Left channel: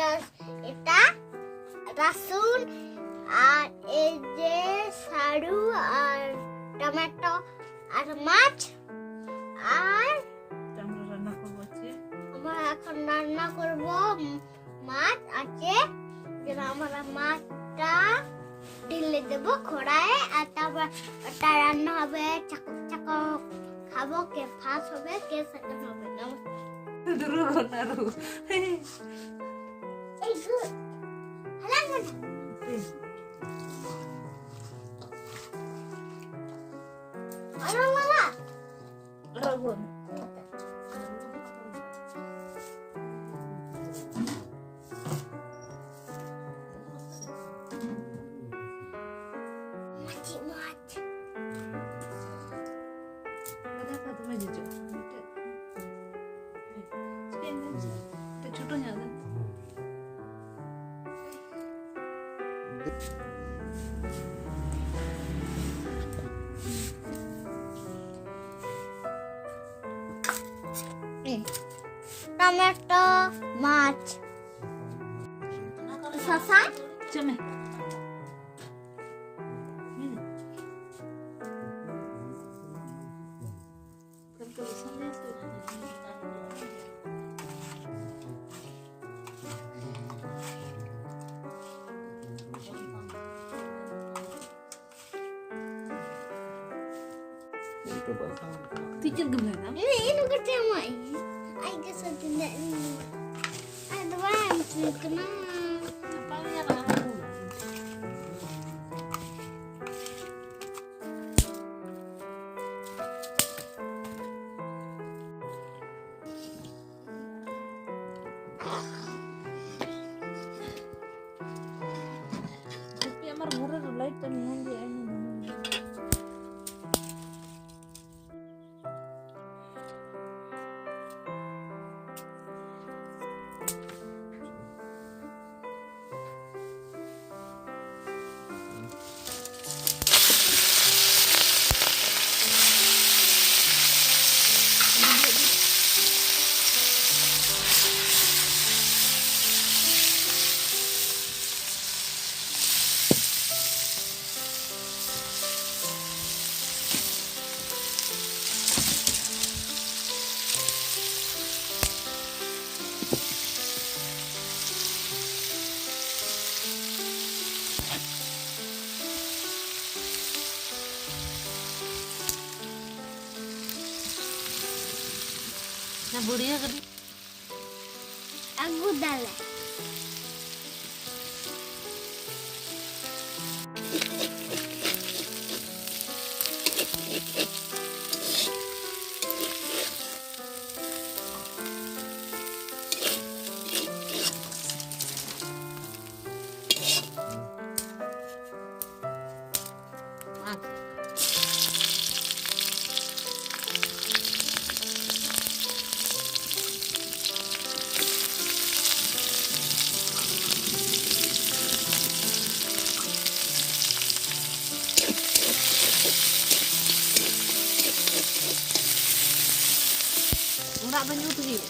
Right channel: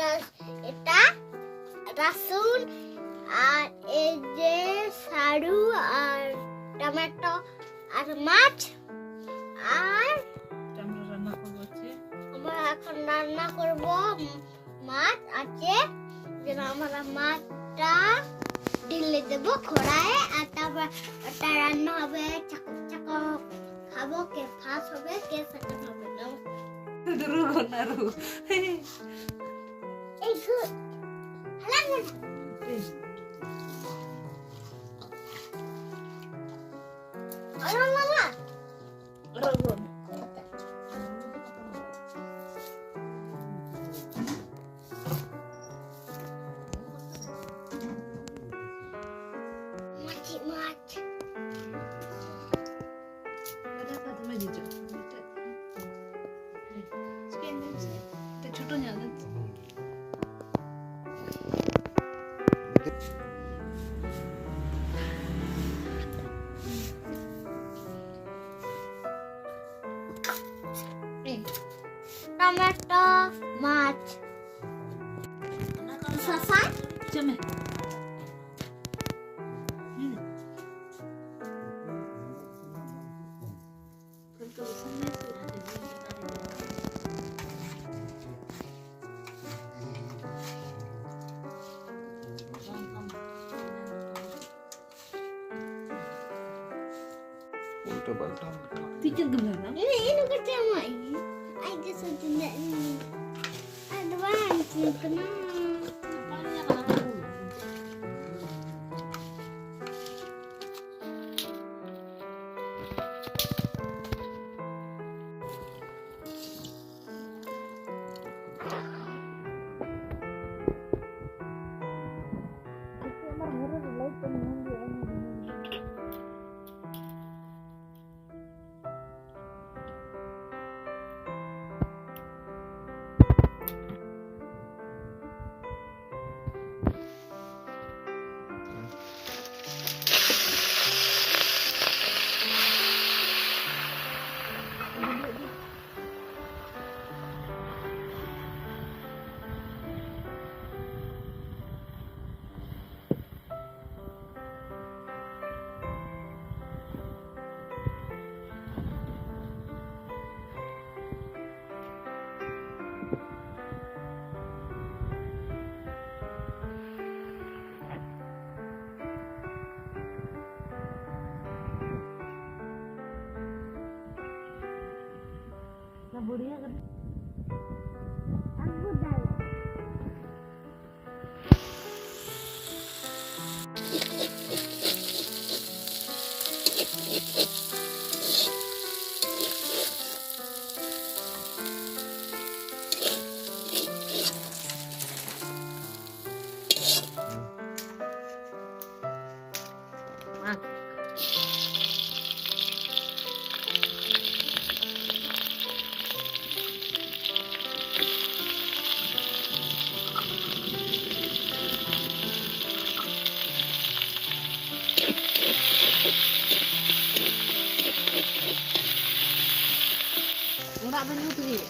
এটা রসুন আর এই যে সারু আর টমেটো আর মাছ আর আমরা এখন রান্না করব মাছ আছে যে আমরা মাছটা ঢেলে দেব কড়াইয়ে আর তারপর ওটা রান্না হবে চাকু চাকু খাবো কে ফার্স্ট হবে কে সেকেন্ড হবে না এই গুড হ্যালো হ্যালো মামা রাগন টমেটো মাছ শসা চমে Tikir gimana? Ini kecil ay gusto din na advance ko na. Paano niya nakakatulog? Tapi amar murah light kan hindi ano. बुढ़िया कभी आगू डाले enggak banyak tuh ya.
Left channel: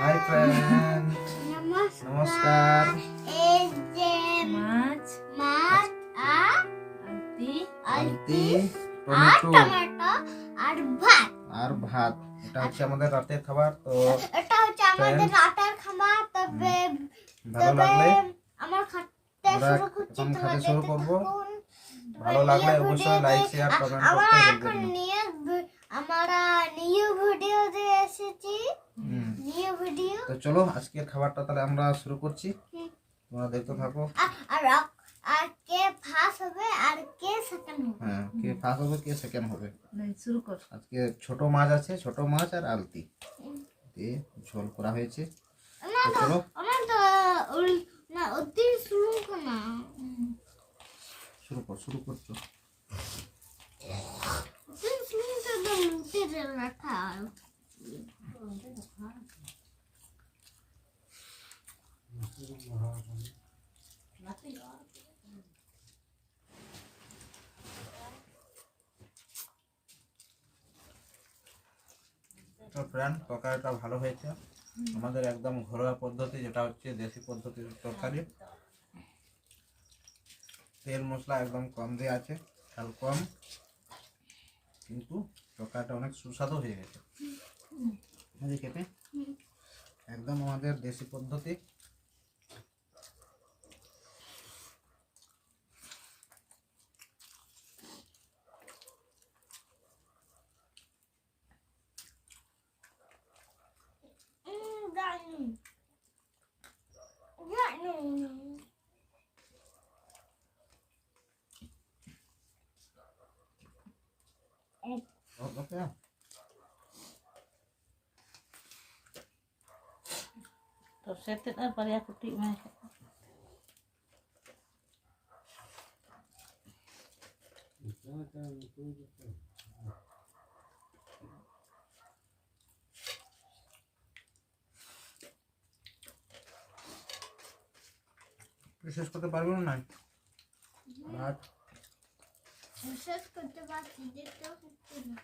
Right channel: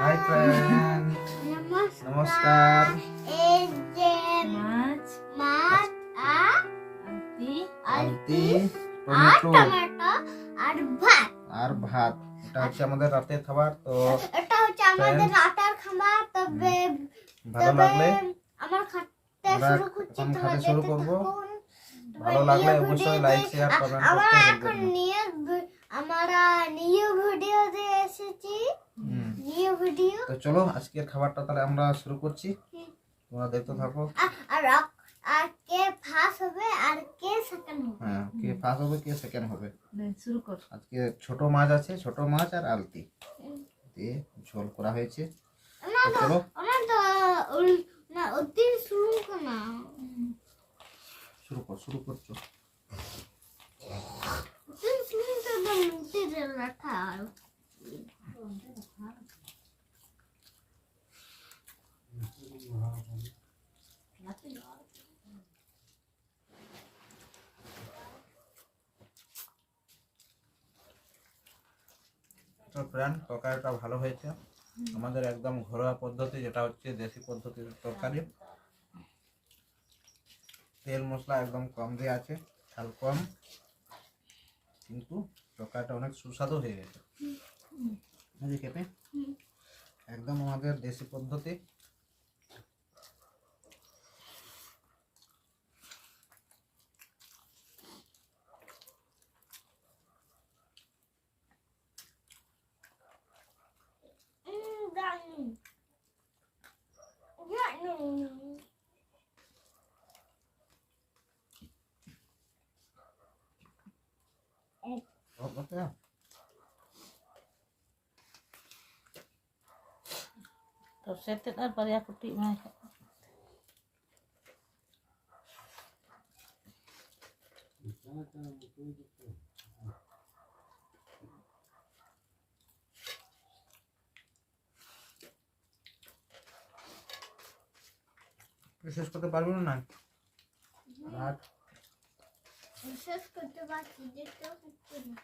Hi friend, নমস্কার। এই যে মাছ মাছ আর আলতি, আর tomato tomato আর ভাত। আর ভাত। এটা হচ্ছে আমাদের রাতের খাবার। তো এটা হচ্ছে আমাদের রাতের খাবার। তবে ভালো লাগলে আমার খাতে আমরা শুরু করছি, এখন তোমরা খেতে শুরু দেখতে করব। থাকুন। ভালো লাগলে অবশ্যই লাইক শেয়ার কমেন্ট আমরা করতে এখন ভুলবেন না। আমরা নিউ ভিডিও দিয়ে এসেছি। নিউ ভিডিও তো চলো আজকের খাবারটা তাহলে আমরা শুরু করছি, তোমরা দেখতে থাকো। আর আর কে ফার্স্ট হবে আর কে সেকেন্ড হবে। হ্যাঁ, কে ফার্স্ট হবে কে সেকেন্ড হবে। শুরু কর। আজকে ছোট মাছ আছে, ছোট মাছ আর আলতি দিয়ে ঝোল করা হয়েছে। না তো তো চলো না তো না অতি শুরু না শুরু করছো। অতি শুরু তো মুখে রাখা। তো ফ্রেন্ড, তরকারিটা ভালো হয়েছে। আমাদের একদম ঘরোয়া পদ্ধতি, যেটা হচ্ছে দেশি পদ্ধতির তরকারি। তেল মশলা একদম কম দেওয়া আছে, ঝাল কম, কিন্তু তরকারিটা অনেক সুস্বাদু হয়ে গেছে খেতে। একদম আমাদের দেশি পদ্ধতি। Okay. Rồi sẽ tiết ớt vào ra của chị mày. শেষ করতে পারবো না ভাত। শেষ করতে পারছি, দেখতেও হচ্ছে না।